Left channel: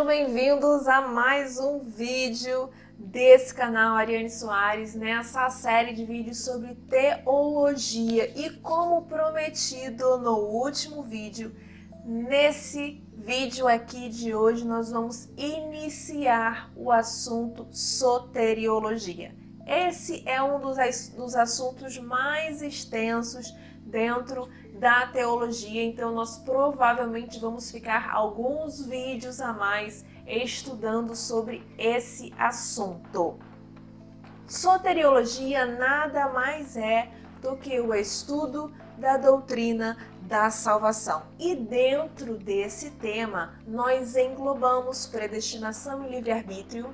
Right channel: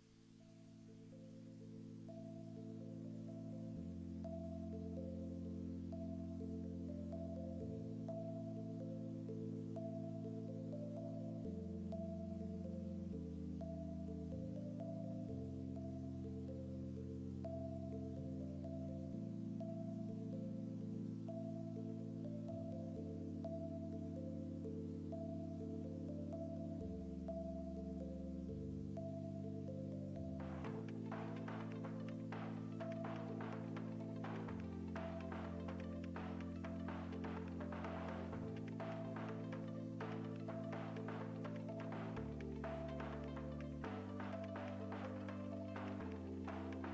Sejam bem-vindos a mais um vídeo desse canal Ariane Soares, nessa série de vídeos sobre teologia. E como prometido no último vídeo, nesse vídeo aqui de hoje nós vamos iniciar o assunto soteriologia. Esse é um dos assuntos mais extensos dentro da teologia, então nós provavelmente vamos ficar alguns vídeos a mais estudando sobre esse assunto. Soteriologia nada mais é do que o estudo da doutrina da salvação. E dentro desse tema, nós englobamos predestinação e livre-arbítrio,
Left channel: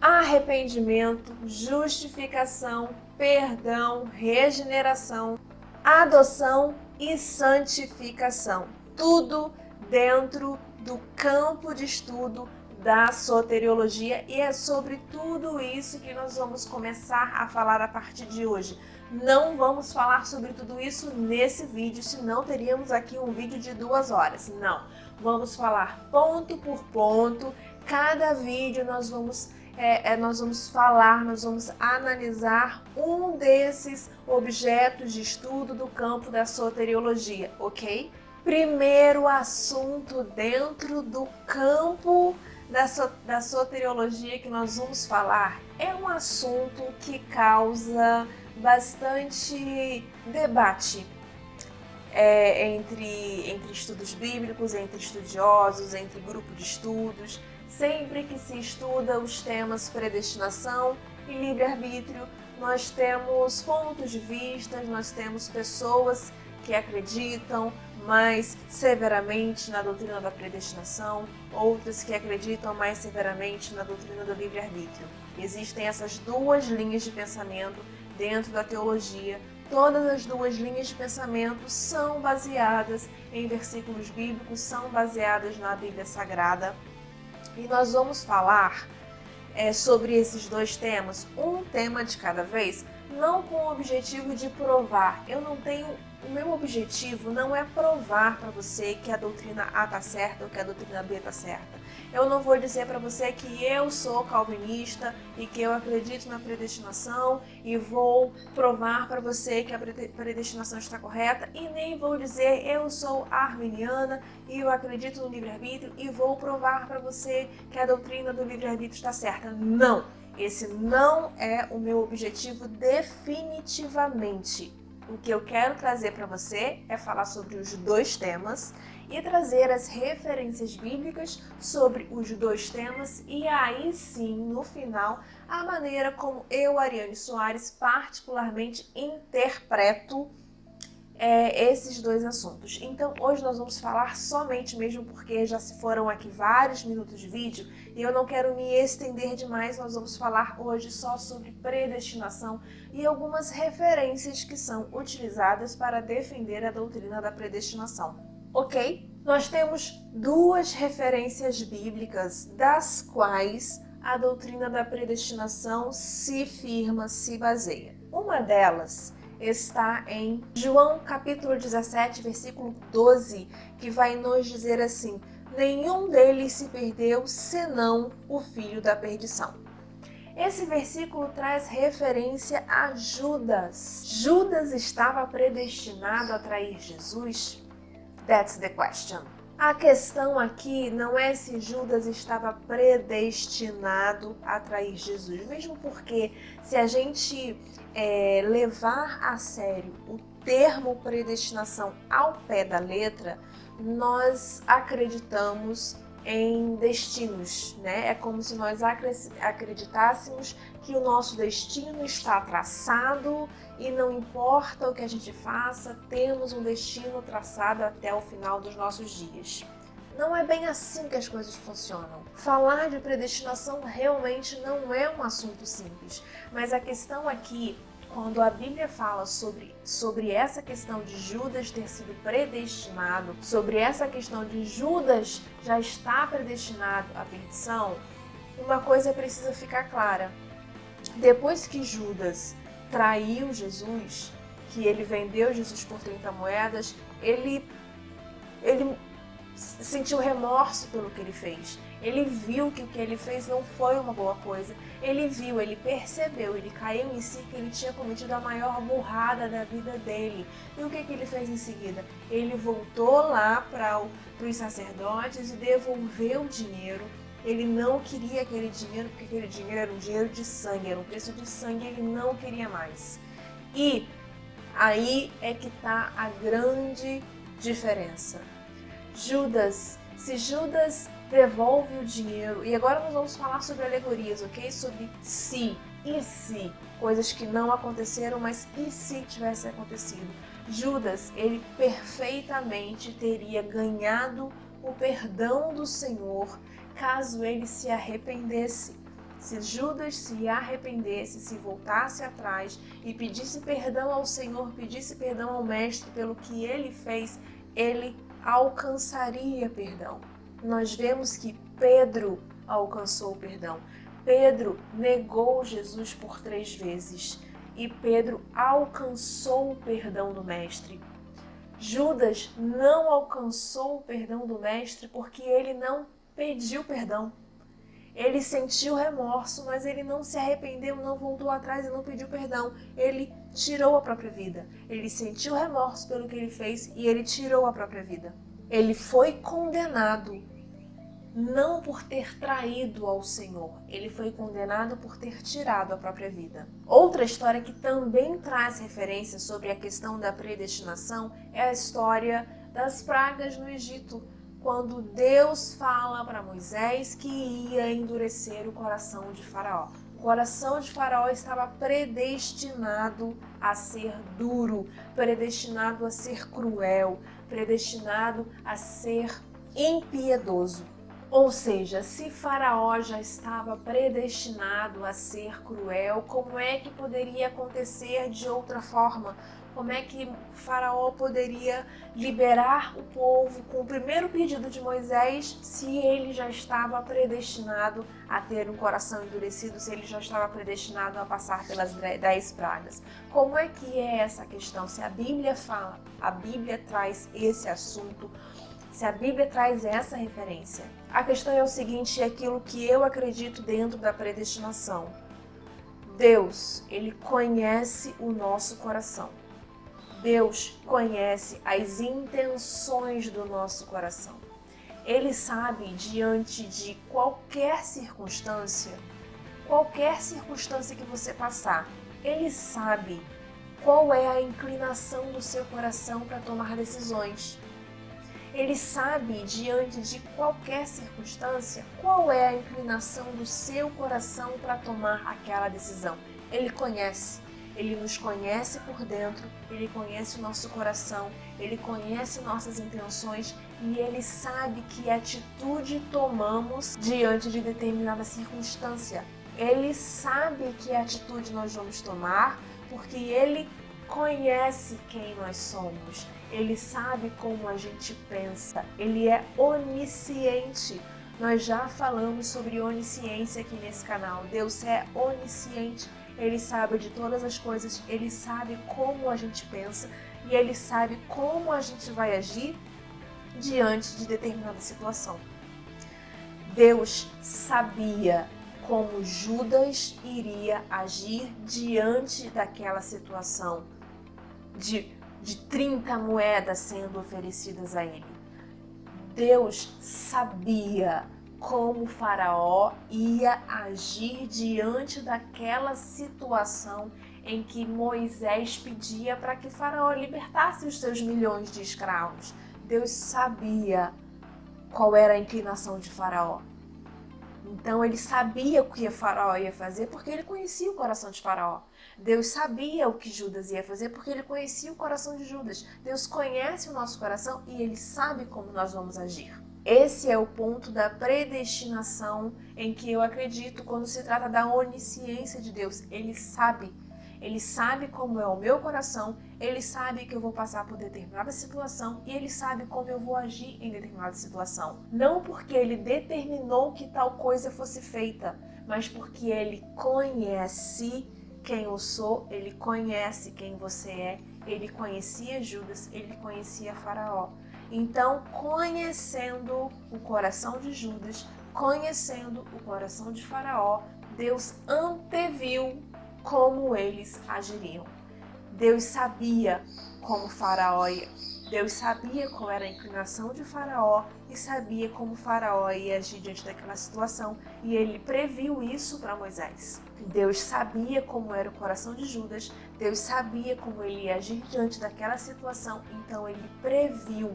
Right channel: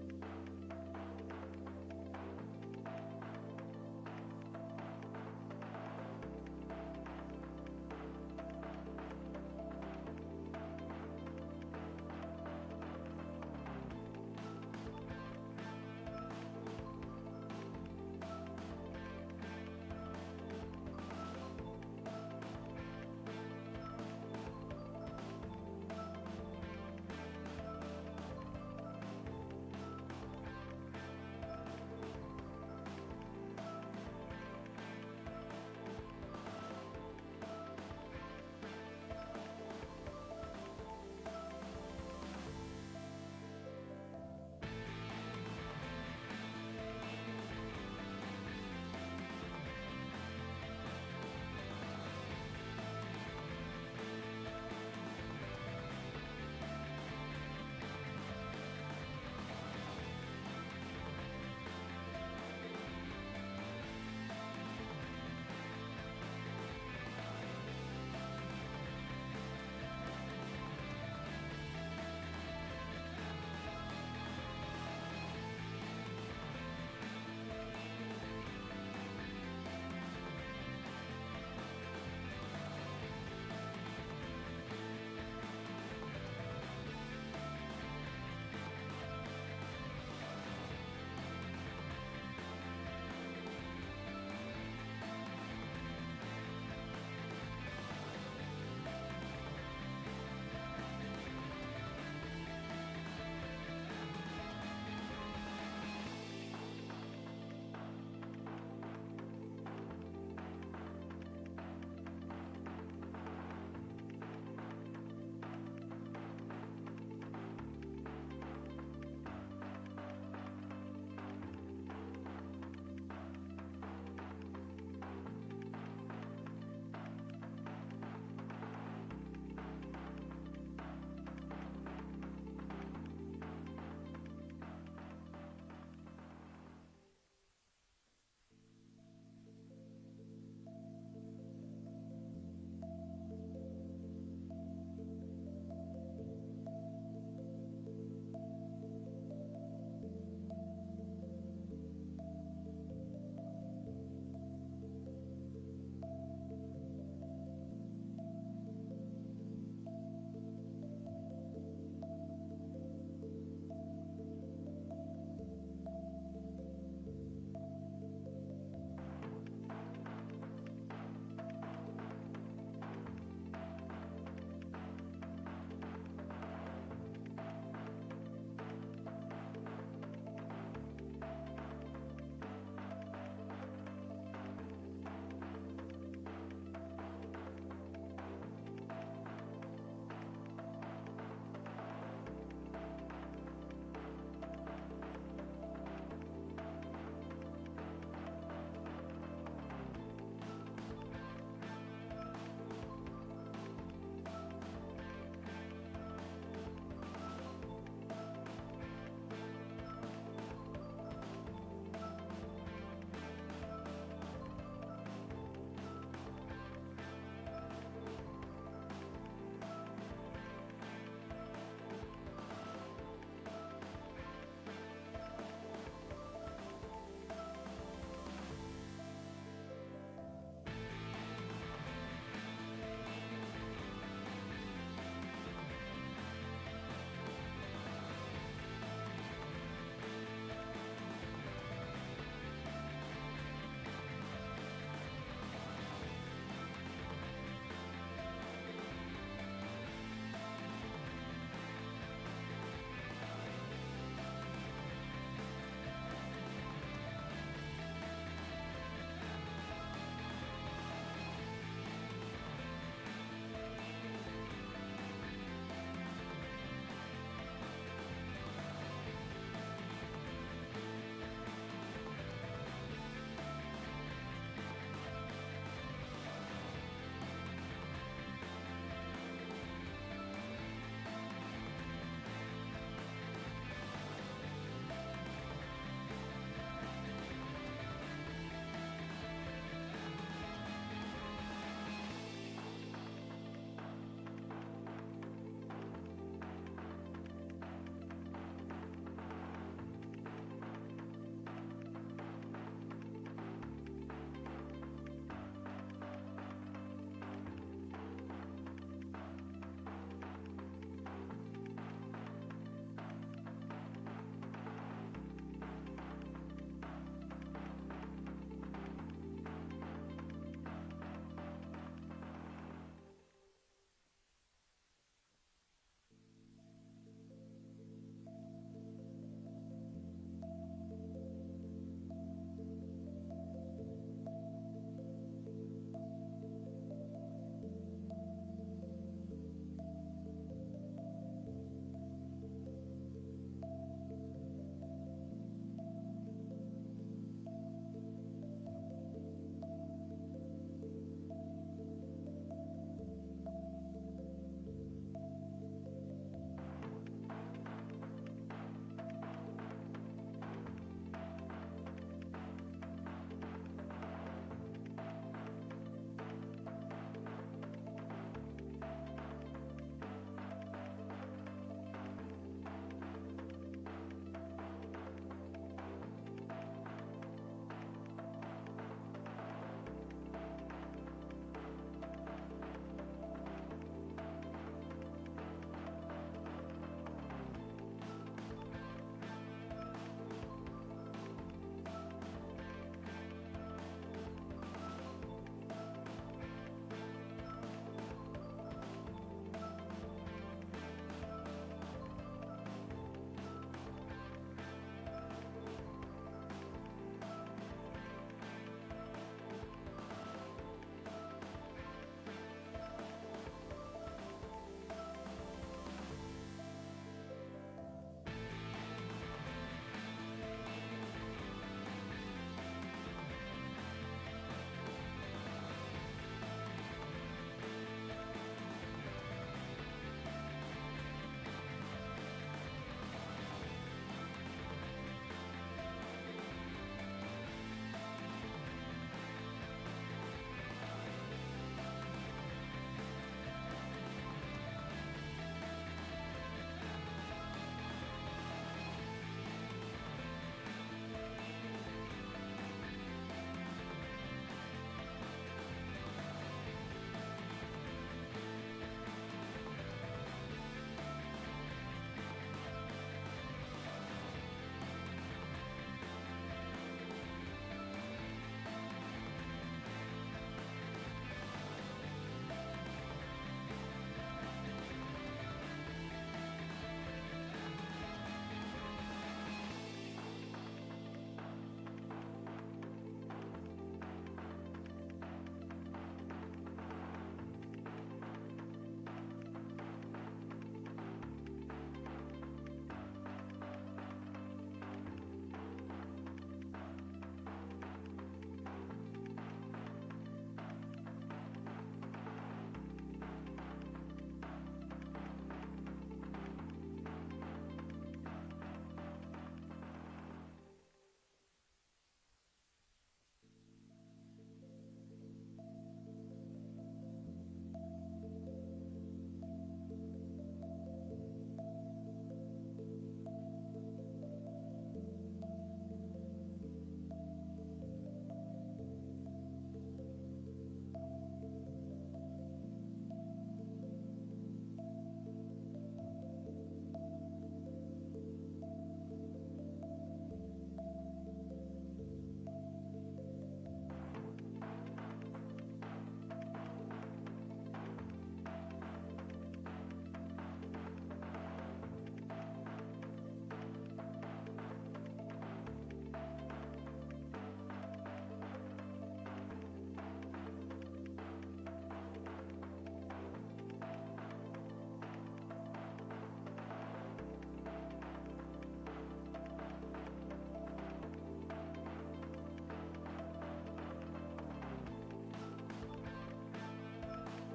arrependimento, justificação, perdão, regeneração, adoção e santificação. Tudo dentro do campo de estudo da soteriologia, e é sobre tudo isso que nós vamos começar a falar a partir de hoje. Não vamos falar sobre tudo isso nesse vídeo, senão teríamos aqui um vídeo de 2 horas. Não, vamos falar ponto por ponto. Cada vídeo nós vamos analisar um desses objetos de estudo do campo da soteriologia, ok? Primeiro assunto dentro do campo da soteriologia que nós vamos falar é um assunto que causa bastante debate entre estudos bíblicos, entre estudiosos, entre grupo de estudos. Sempre que se estuda os temas predestinação e livre-arbítrio, nós temos pontos de vista, nós temos pessoas que acreditam mais severamente na doutrina da predestinação, outras que acreditam mais severamente na doutrina do livre-arbítrio. Existem essas duas linhas de pensamento dentro da teologia. Todas as duas linhas de pensamento são baseadas em versículos bíblicos, são baseadas na Bíblia Sagrada. E nós vamos falar sobre esses dois temas, um tema de cada vez, não com o objetivo de provar. O meu objetivo não é provar para você que a doutrina A está certa ou que a doutrina B está certa. Eu não vou dizer para você que eu sou calvinista e que eu acredito na predestinação e vou provar para você que a predestinação está correta, e nem vou dizer eu sou arminiana e eu acredito no livre-arbítrio e vou provar para você que a doutrina do livre-arbítrio está certa. Não! Esse não é o meu objetivo definitivamente. O que eu quero trazer para você é falar sobre os dois temas e trazer as referências bíblicas sobre os dois temas, e aí sim, no final, a maneira como eu, Ariane Soares, particularmente interpreto esses dois assuntos. Então hoje nós vamos falar somente, mesmo porque já se foram aqui vários minutos de vídeo e eu não quero me estender demais, nós vamos falar hoje só sobre predestinação e algumas referências que são utilizadas para defender a doutrina da predestinação, ok? Nós temos duas referências bíblicas das quais a doutrina da predestinação se firma, se baseia. Uma delas está em João capítulo 17, versículo 12, que vai nos dizer assim: nenhum deles se perdeu, senão o filho da perdição. Esse versículo traz referência a Judas. Judas estava predestinado a trair Jesus? That's the question. A questão aqui não é se Judas estava predestinado a trair Jesus, mesmo porque se a gente levar a sério o termo predestinação ao pé da letra, nós acreditamos em destinos, né? É como se nós acreditássemos que o nosso destino está traçado e não importa o que a gente faça, temos um destino traçado até o final dos nossos dias. Não é bem assim que as coisas funcionam. Falar de predestinação realmente não é um assunto simples, mas a questão aqui, quando a Bíblia fala sobre essa questão de Judas ter sido predestinado, sobre essa questão de Judas já estar predestinado à perdição, uma coisa precisa ficar clara. Depois que Judas traiu Jesus, que ele vendeu Jesus por 30 moedas, ele sentiu remorso pelo que ele fez. Ele viu que o que ele fez não foi uma boa coisa. Ele viu, ele percebeu, ele caiu em si que ele tinha cometido a maior burrada da vida dele. E o que ele fez em seguida? Ele voltou lá para os sacerdotes e devolveu o dinheiro. Ele não queria aquele dinheiro, porque aquele dinheiro era um dinheiro de sangue, era um preço de sangue, ele não queria mais. E aí é que está a grande diferença. Se Judas devolve o dinheiro, e agora nós vamos falar sobre alegorias, ok? Sobre se e se, coisas que não aconteceram, mas e se tivesse acontecido? Judas, ele perfeitamente teria ganhado o perdão do Senhor caso ele se arrependesse. Se Judas se arrependesse, se voltasse atrás e pedisse perdão ao Senhor, pedisse perdão ao Mestre pelo que ele fez, ele alcançaria perdão. Nós vemos que Pedro alcançou o perdão. Pedro negou Jesus por 3 vezes e Pedro alcançou o perdão do Mestre. Judas não alcançou o perdão do Mestre porque ele não pediu perdão. Ele sentiu remorso, mas ele não se arrependeu, não voltou atrás e não pediu perdão. Ele tirou a própria vida. Ele sentiu remorso pelo que ele fez e ele tirou a própria vida. Ele foi condenado não por ter traído ao Senhor, ele foi condenado por ter tirado a própria vida. Outra história que também traz referência sobre a questão da predestinação é a história das pragas no Egito, quando Deus fala para Moisés que ia endurecer o coração de Faraó. O coração de Faraó estava predestinado a ser duro, predestinado a ser cruel, predestinado a ser impiedoso. Ou seja, se Faraó já estava predestinado a ser cruel, como é que poderia acontecer de outra forma? Como é que Faraó poderia liberar o povo com o primeiro pedido de Moisés se ele já estava predestinado a ter um coração endurecido, se ele já estava predestinado a passar pelas 10 pragas? Como é que é essa questão? Se a Bíblia fala, a Bíblia traz esse assunto, se a Bíblia traz essa referência. A questão é o seguinte, é aquilo que eu acredito dentro da predestinação. Deus, ele conhece o nosso coração. Deus conhece as intenções do nosso coração. Ele sabe, diante de qualquer circunstância que você passar, ele sabe qual é a inclinação do seu coração para tomar decisões. Ele sabe, diante de qualquer circunstância, qual é a inclinação do seu coração para tomar aquela decisão. Ele conhece, ele nos conhece por dentro, ele conhece o nosso coração, ele conhece nossas intenções e ele sabe que atitude tomamos diante de determinada circunstância. Ele sabe que atitude nós vamos tomar porque ele conhece quem nós somos. Ele sabe como a gente pensa, ele é onisciente. Nós já falamos sobre onisciência aqui nesse canal. Deus é onisciente, ele sabe de todas as coisas, ele sabe como a gente pensa e ele sabe como a gente vai agir diante de determinada situação. Deus sabia como Judas iria agir diante daquela situação de 30 moedas sendo oferecidas a ele. Deus sabia como Faraó ia agir diante daquela situação em que Moisés pedia para que Faraó libertasse os seus milhões de escravos. Deus sabia qual era a inclinação de Faraó. Então ele sabia o que Faraó ia fazer porque ele conhecia o coração de Faraó. Deus sabia o que Judas ia fazer porque ele conhecia o coração de Judas. Deus conhece o nosso coração e ele sabe como nós vamos agir. Esse é o ponto da predestinação em que eu acredito quando se trata da onisciência de Deus. Ele sabe como é o meu coração, ele sabe que eu vou passar por determinada situação e ele sabe como eu vou agir em determinada situação. Não porque ele determinou que tal coisa fosse feita, mas porque ele conhece quem eu sou, ele conhece quem você é, ele conhecia Judas, ele conhecia Faraó. Então, conhecendo o coração de Judas, conhecendo o coração de Faraó, Deus anteviu como eles agiriam. Deus sabia como Faraó ia. Deus sabia qual era a inclinação de Faraó e sabia como Faraó ia agir diante daquela situação, e ele previu isso para Moisés. Deus sabia como era o coração de Judas, Deus sabia como ele ia agir diante daquela situação, então ele previu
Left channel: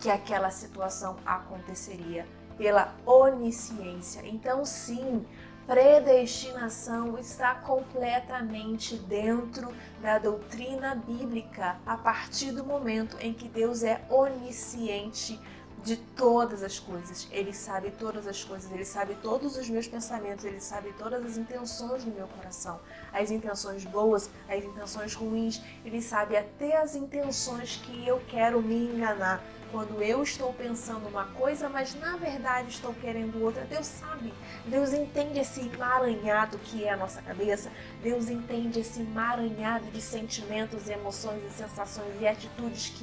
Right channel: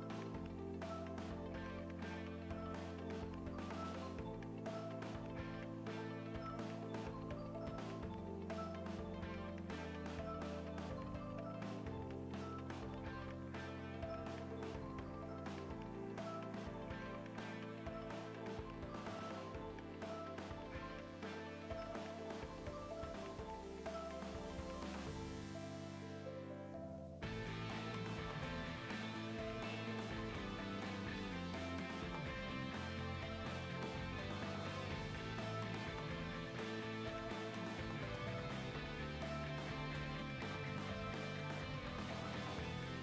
que aquela situação aconteceria pela onisciência. Então, sim, predestinação está completamente dentro da doutrina bíblica a partir do momento em que Deus é onisciente de todas as coisas. Ele sabe todas as coisas, ele sabe todos os meus pensamentos, ele sabe todas as intenções do meu coração, as intenções boas, as intenções ruins, ele sabe até as intenções que eu quero me enganar. Quando eu estou pensando uma coisa, mas na verdade estou querendo outra, Deus sabe. Deus entende esse emaranhado que é a nossa cabeça. Deus entende esse emaranhado de sentimentos, emoções e sensações e atitudes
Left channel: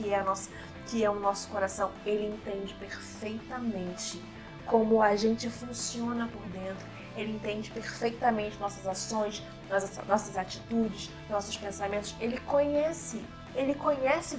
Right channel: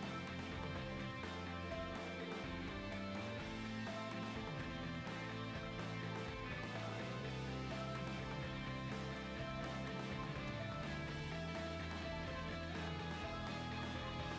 que é o nosso coração. Ele entende perfeitamente como a gente funciona por dentro. Ele entende perfeitamente nossas ações, nossas atitudes, nossos pensamentos. Ele conhece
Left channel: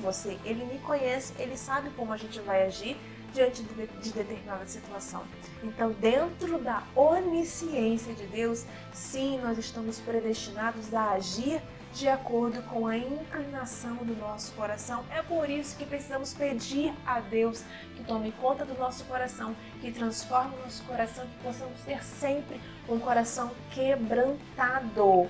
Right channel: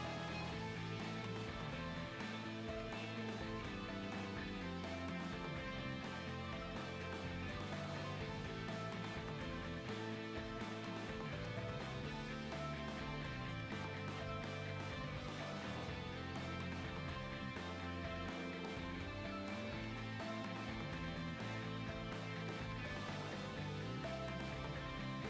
você, ele me conhece, ele sabe como a gente vai agir diante de determinada situação. Então, dentro da onisciência de Deus, sim, nós estamos predestinados a agir de acordo com a inclinação do nosso coração. É por isso que precisamos pedir a Deus que tome conta do nosso coração, que transforme o nosso coração, que possamos ter sempre um coração quebrantado,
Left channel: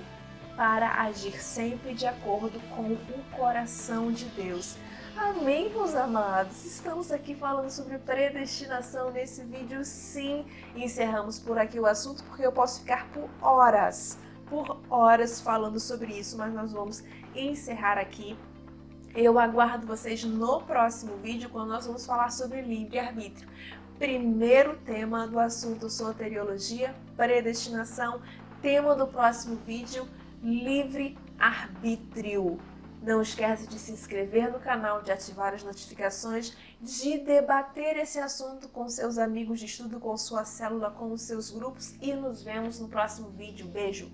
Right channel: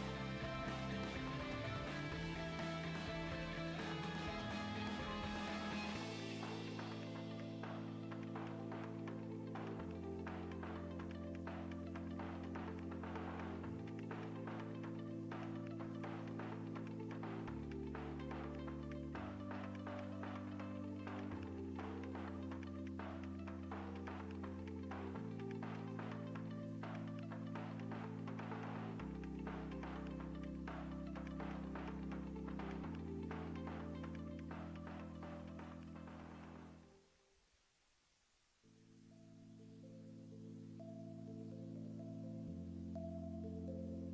para agir sempre de acordo com o coração de Deus. Amém, meus amados? Estamos aqui falando sobre predestinação nesse vídeo, sim. Encerramos por aqui o assunto, porque eu posso ficar por horas falando sobre isso, mas nós vamos encerrar aqui. Eu aguardo vocês no próximo vídeo, quando nós vamos falar sobre livre-arbítrio. Primeiro tema do assunto: soteriologia, predestinação. Tema do próximo vídeo: livre-arbítrio. Não esquece de se inscrever no canal, de ativar as notificações, de debater esse assunto com seus amigos de estudo, com sua célula, com os seus grupos, e nos vemos no próximo vídeo. Beijo!